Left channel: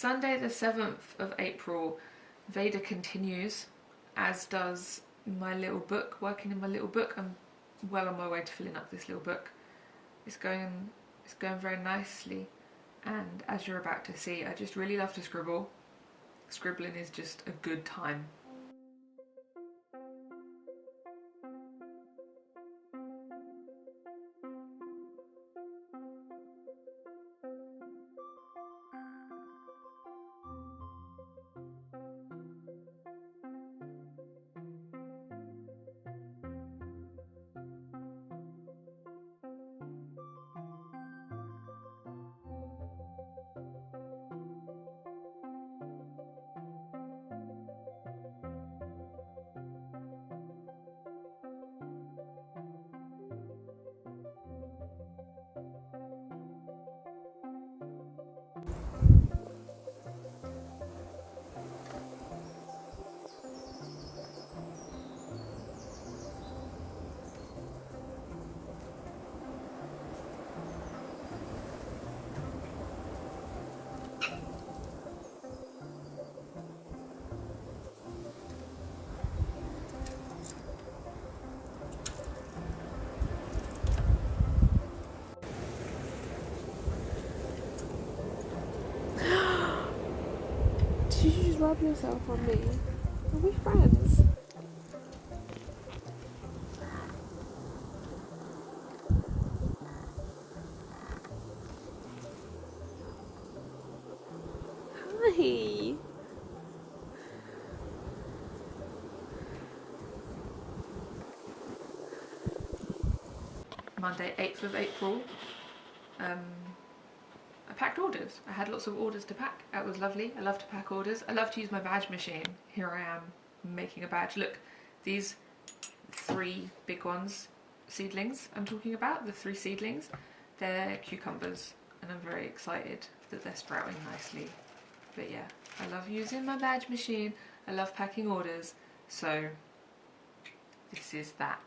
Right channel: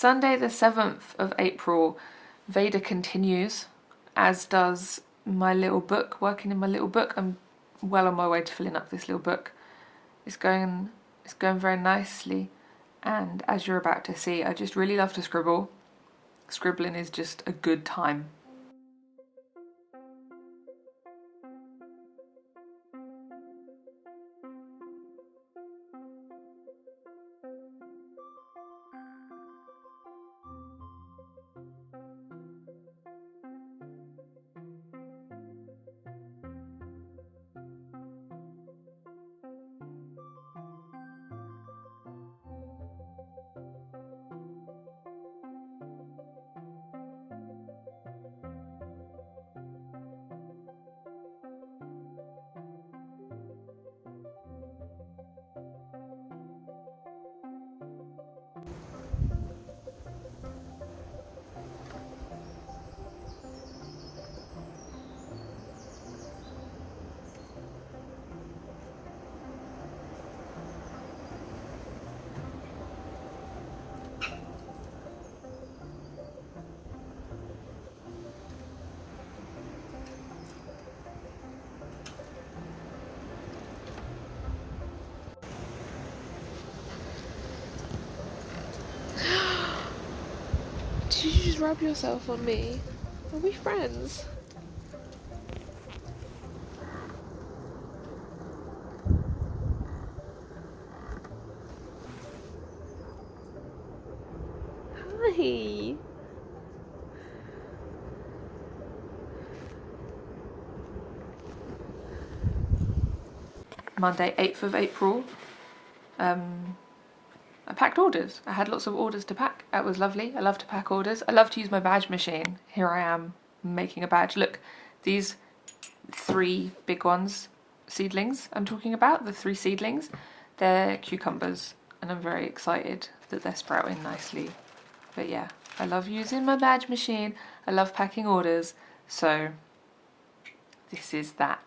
Sunday the 7th of April, Veda continues, as does my little book, working in my little book. I'm well on my way to filling up this little book. It's going very nicely, and as you're about to see, I just really love to scribble. Scribbling is just a good time. Did you just rub yourself on me? Are we friends? Hi. Monday 8th of April. I packed orders. I had lots of orders to pack. That was lovely. I love to pack orders. I love to use my badge machine. Here I am making a badge. Look, these 3 big ones, seedlings I'm talking about, the 3 seedlings, they're cucumbers, and I'm very excited that they're sprouting nicely. But yeah, I love using my badge machine. I love packing orders, so this is that.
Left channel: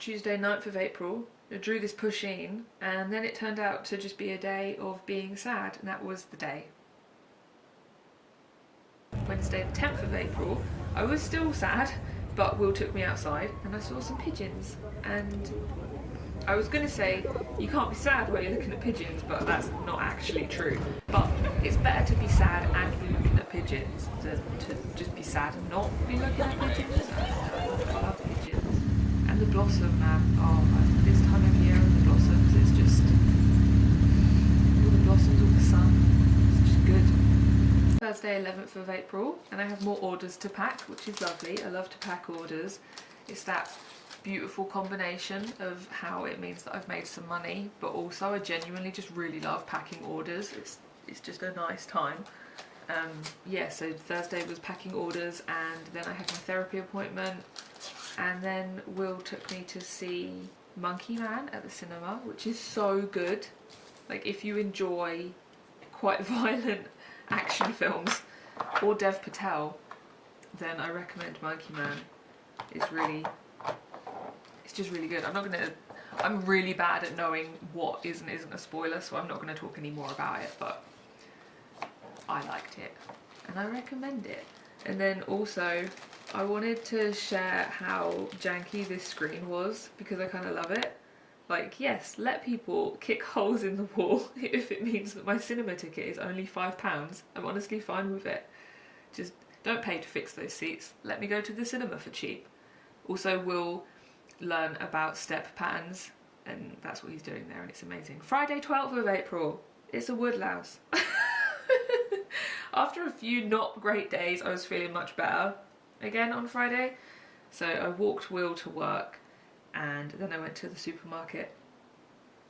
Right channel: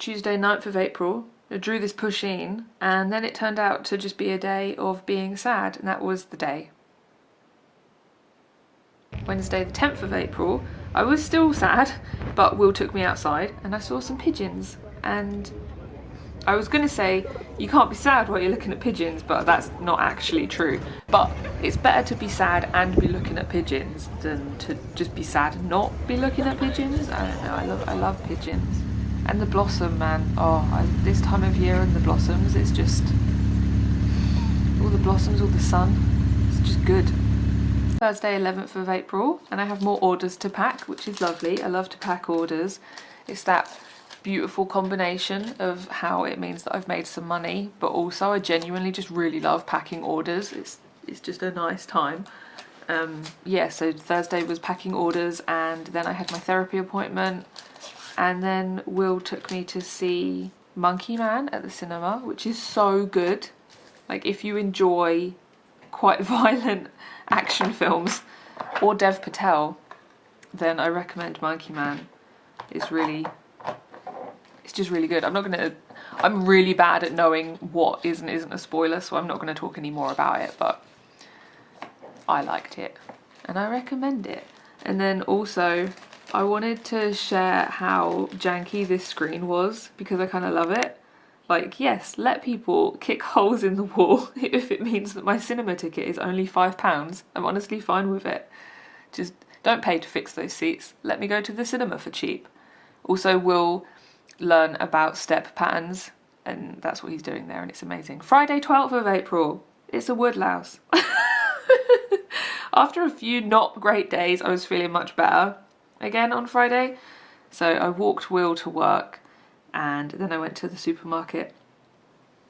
Tuesday 9th of April. I drew this push-in, and then it turned out to just be a day of being sad, and that was the day. Wednesday the 10th of April, I was still sad, but Will took me outside and I saw some pigeons, and I was going to say you can't be sad while you're looking at pigeons, but that's not actually true. But it's better to be sad and be looking at pigeons than to just be sad and not be looking at pigeons. I don't know, I love pigeons. And the blossom, man, this time of year and the blossoms, it's just, all the blossoms, all the sun, it's just good. Thursday 11th of April, and I have more orders to pack, which is lovely. I love to pack orders. It's that beautiful combination of how it means that I've made some money, but also I genuinely just really love packing orders. It's just a nice time. Yeah, so Thursday was packing orders, and then I had my therapy appointment, and then Will took me to see Monkey Man at the cinema, which is so good. Like, if you enjoy quite violent action films or Dev Patel, then I recommend Monkey Man. It's just really good. I'm really bad at knowing what is and isn't a spoiler, so I'm not going to talk any more about it, but I liked it and I recommend it. And then also I wanted to share how janky this screen was, because I kind of love it. Like, yes, let people kick holes in the wall if it means that my cinema ticket is only £5. I'm honestly fine with it. Just don't pay to fix those seats. Let me go to the cinema for cheap. Also, we'll learn about step patterns, and that's what he's doing there, and it's amazing. Friday 12th of April. It's a woodlouse. After a few not great days, I was feeling much better again on Friday. So I walked Will to work, and then I went to the supermarket,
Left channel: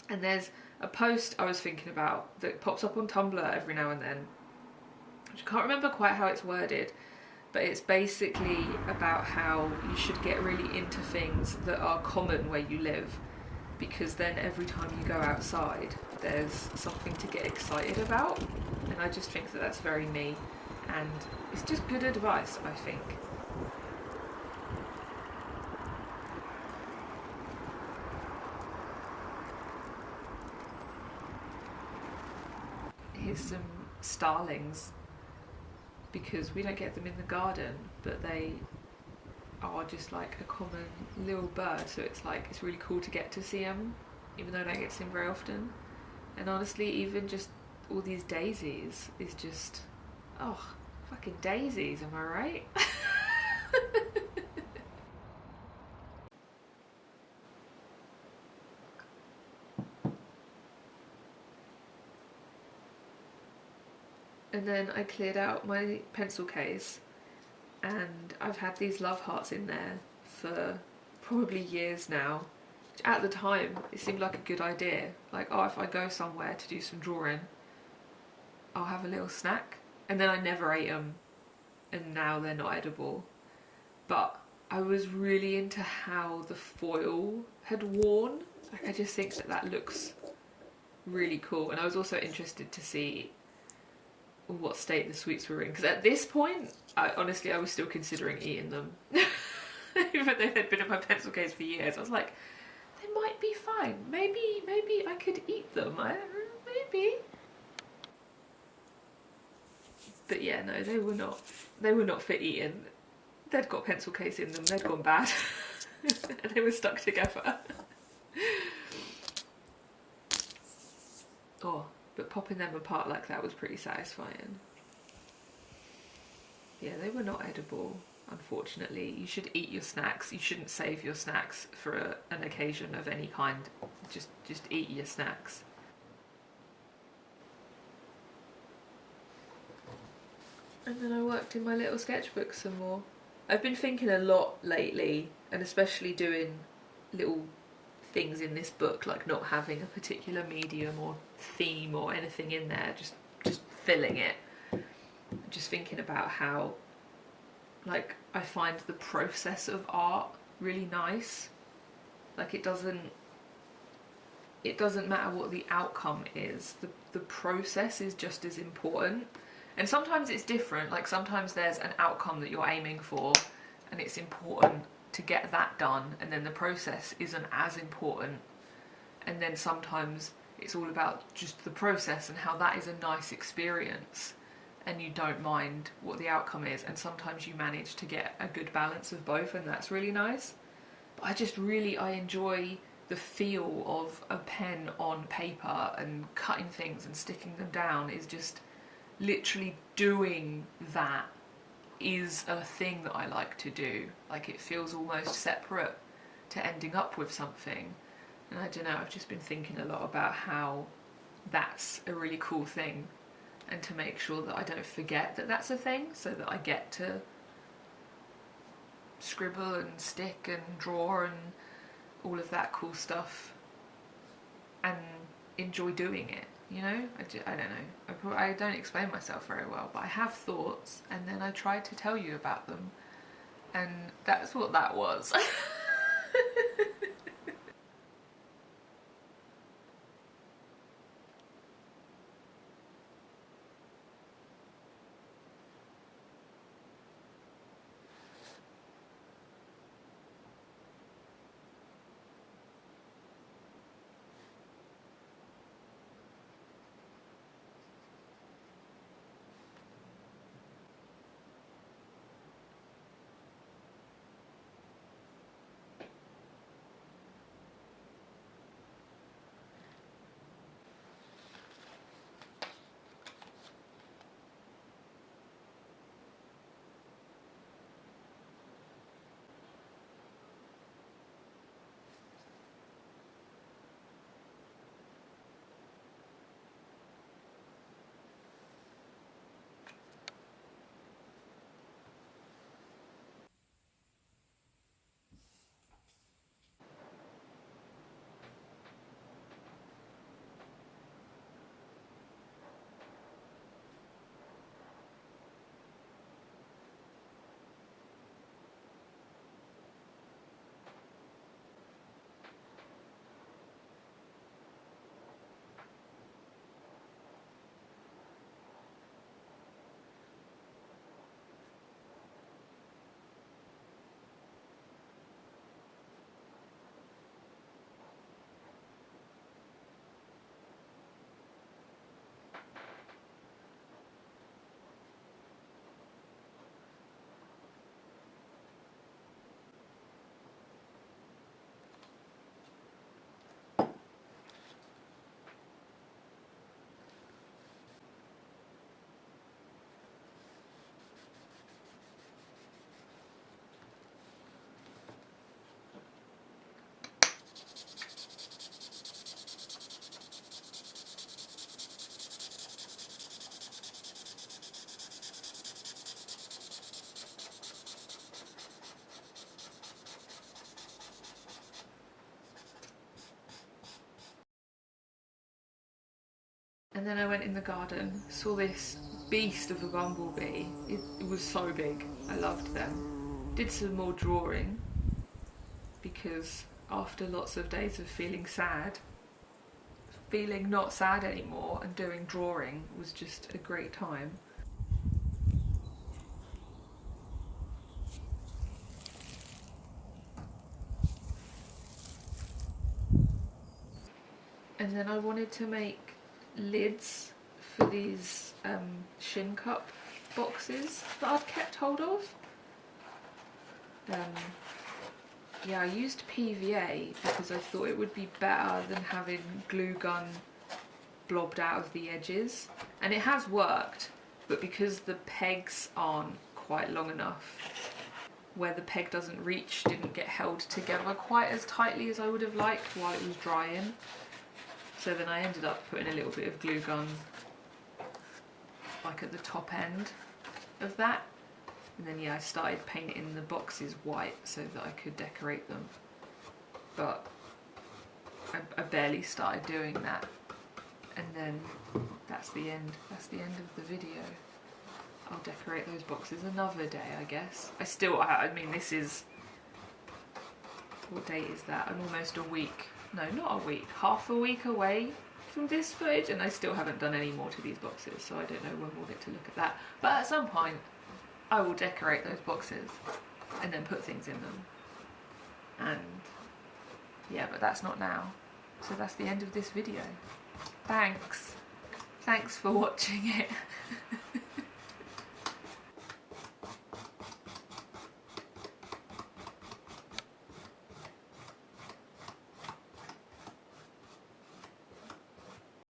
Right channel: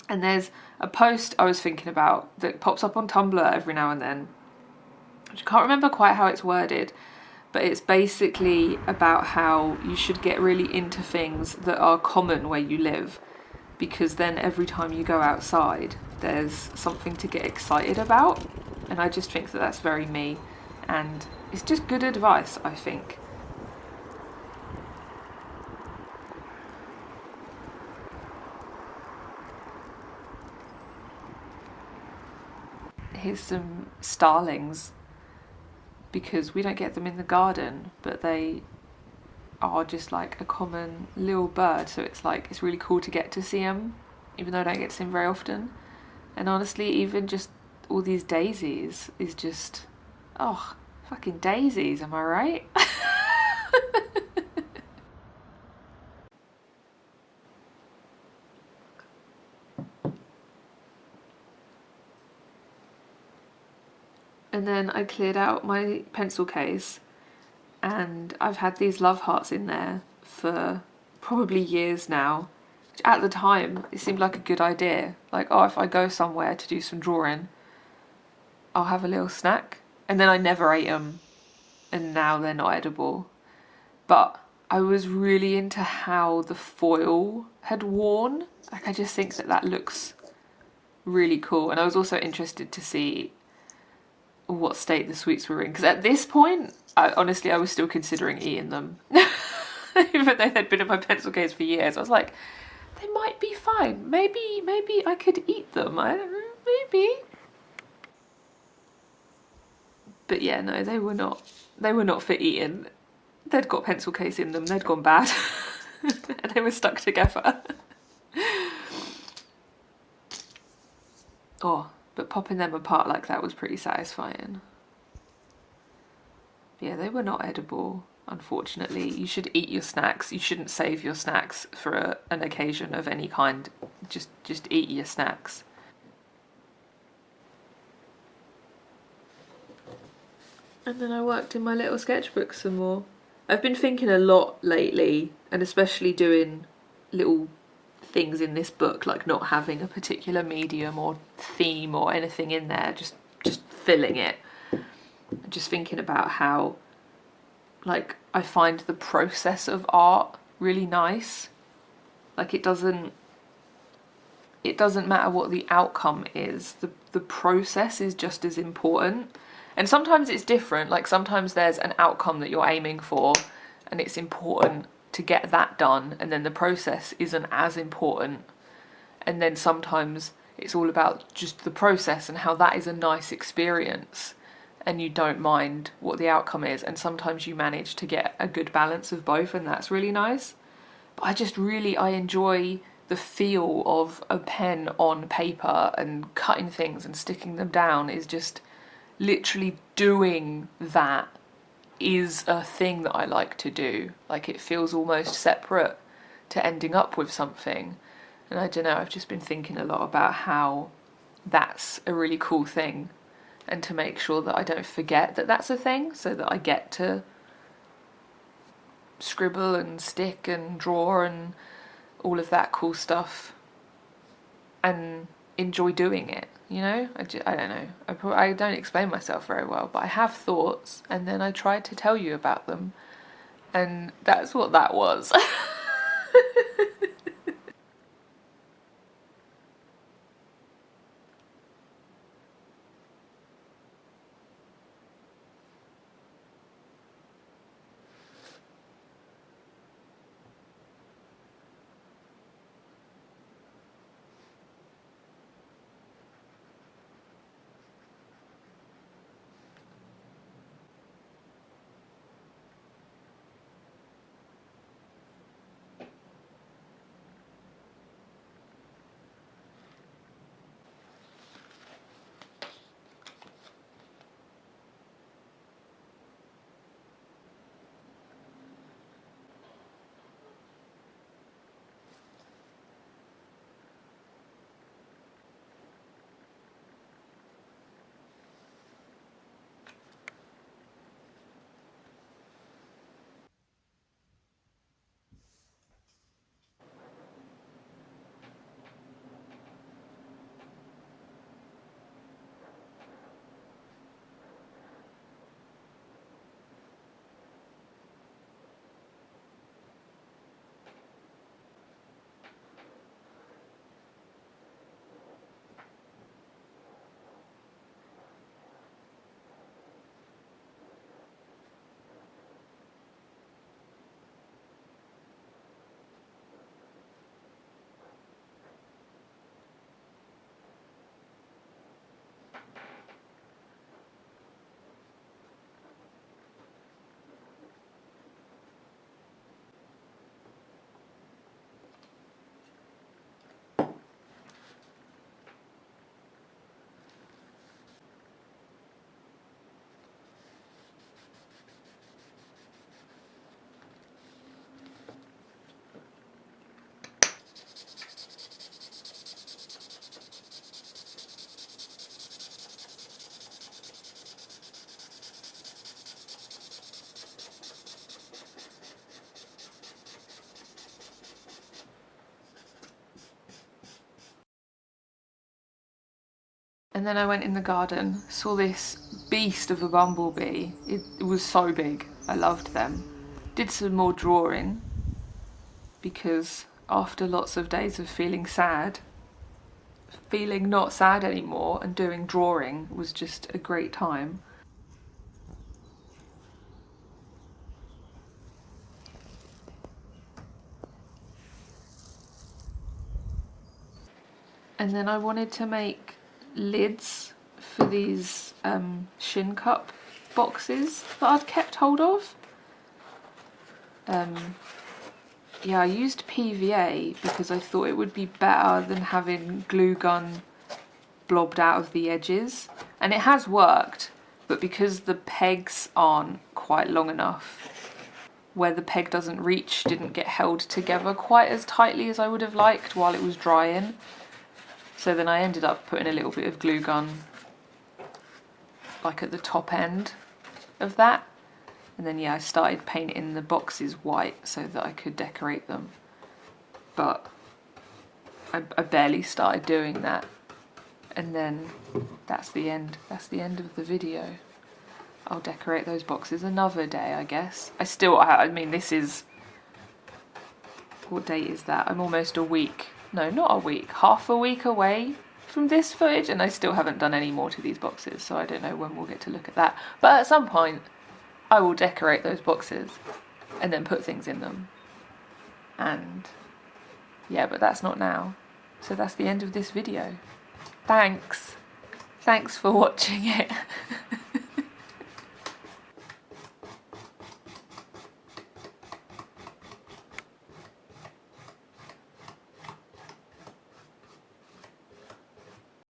and there's a post I was thinking about that pops up on Tumblr every now and then. I can't remember quite how it's worded, but it's basically about how you should get really into things that are common where you live, because then every time you go outside there's something to get excited about, and I just think that that's very me, and it's just good advice, I think. Here's some starlings, because we don't get them in the garden, but they are just like a common little bird, so it's like, it's really cool to get to see them, even though I don't get to see them very often. And honestly, even just all these daisies is just, oh, fucking daisies, am I right? And then I cleared out my pencil case, and I've had these love hearts in there for probably years now. Which at the time, it seemed like a good idea. Like, oh, if I go somewhere to do some drawing, I'll have a little snack. And then I never ate them, and now they're not edible. But I was really into how the foil had worn. Like, I just think that that looks really cool. And I was also interested to see what state the sweets were in, because at this point, honestly, I was still considering eating them. Even though they'd been in my pencil case for years, I was like, they might be fine. Maybe I could eat them. Maybe. But yeah, no, they were not. They were not for eating. They'd got pencil case in them. They'd gone bad, and they were stuck together. Oh. But popping them apart like that was pretty satisfying. Yeah, they were not edible, unfortunately. You should eat your snacks. You shouldn't save your snacks for an occasion of any kind. Just eat your snacks. And then I worked in my little sketchbook some more. I've been thinking a lot lately, and especially doing little things in this book, like not having a particular medium or theme or anything in there, just filling it. Just thinking about how, like, I find the process of art really nice. Like, it doesn't matter what the outcome is, the process is just as important. And sometimes it's different, like sometimes there's an outcome that you're aiming for and it's important to get that done, and then the process isn't as important. And then sometimes it's all about just the process and how that is a nice experience, and you don't mind what the outcome is, and sometimes you manage to get a good balance of both, and that's really nice. But I enjoy the feel of a pen on paper, and cutting things and sticking them down is just literally doing that is a thing that I like to do. Like, it feels almost separate to ending up with something. And I don't know, I've just been thinking a lot about how that's a really cool thing, and to make sure that I don't forget that that's a thing, so that I get to scribble and stick and draw and all of that cool stuff and enjoy doing it, you know? I don't know. I don't explain myself very well, but I have thoughts, and then I try to tell you about them, and that's what that was. And then I went in the garden, saw this beast of a bumblebee. It was so big. I loved them. Did some more drawing, because after lots of days of feeling sad, feeling not sad anymore and doing drawing was just a great time. And then I wanted to make lids for these shin cup boxes that I've kept hold of. Yeah, I used PVA because I thought it would be better than having glue gun blobbed out of the edges, and it has worked, but because the pegs aren't quite long enough, where the peg doesn't reach, didn't get held together quite as tightly as I would have liked while it was drying. So then I ended up putting a little bit of glue gun like at the top end of that. And then yeah, I started painting the boxes white so that I could decorate them. But I barely started doing that. And then that's the end. That's the end of the video. I'll decorate those boxes another day, I guess. I mean, this is... What date is that? I'm almost a week. No, not a week. Half a week away from this footage, and I still haven't done any more to these boxes, so I don't know when we'll get to look at that. But at some point, I will decorate those boxes and then put things in them. And yeah, but that's not now. So that's the end of this video. Thanks for watching it.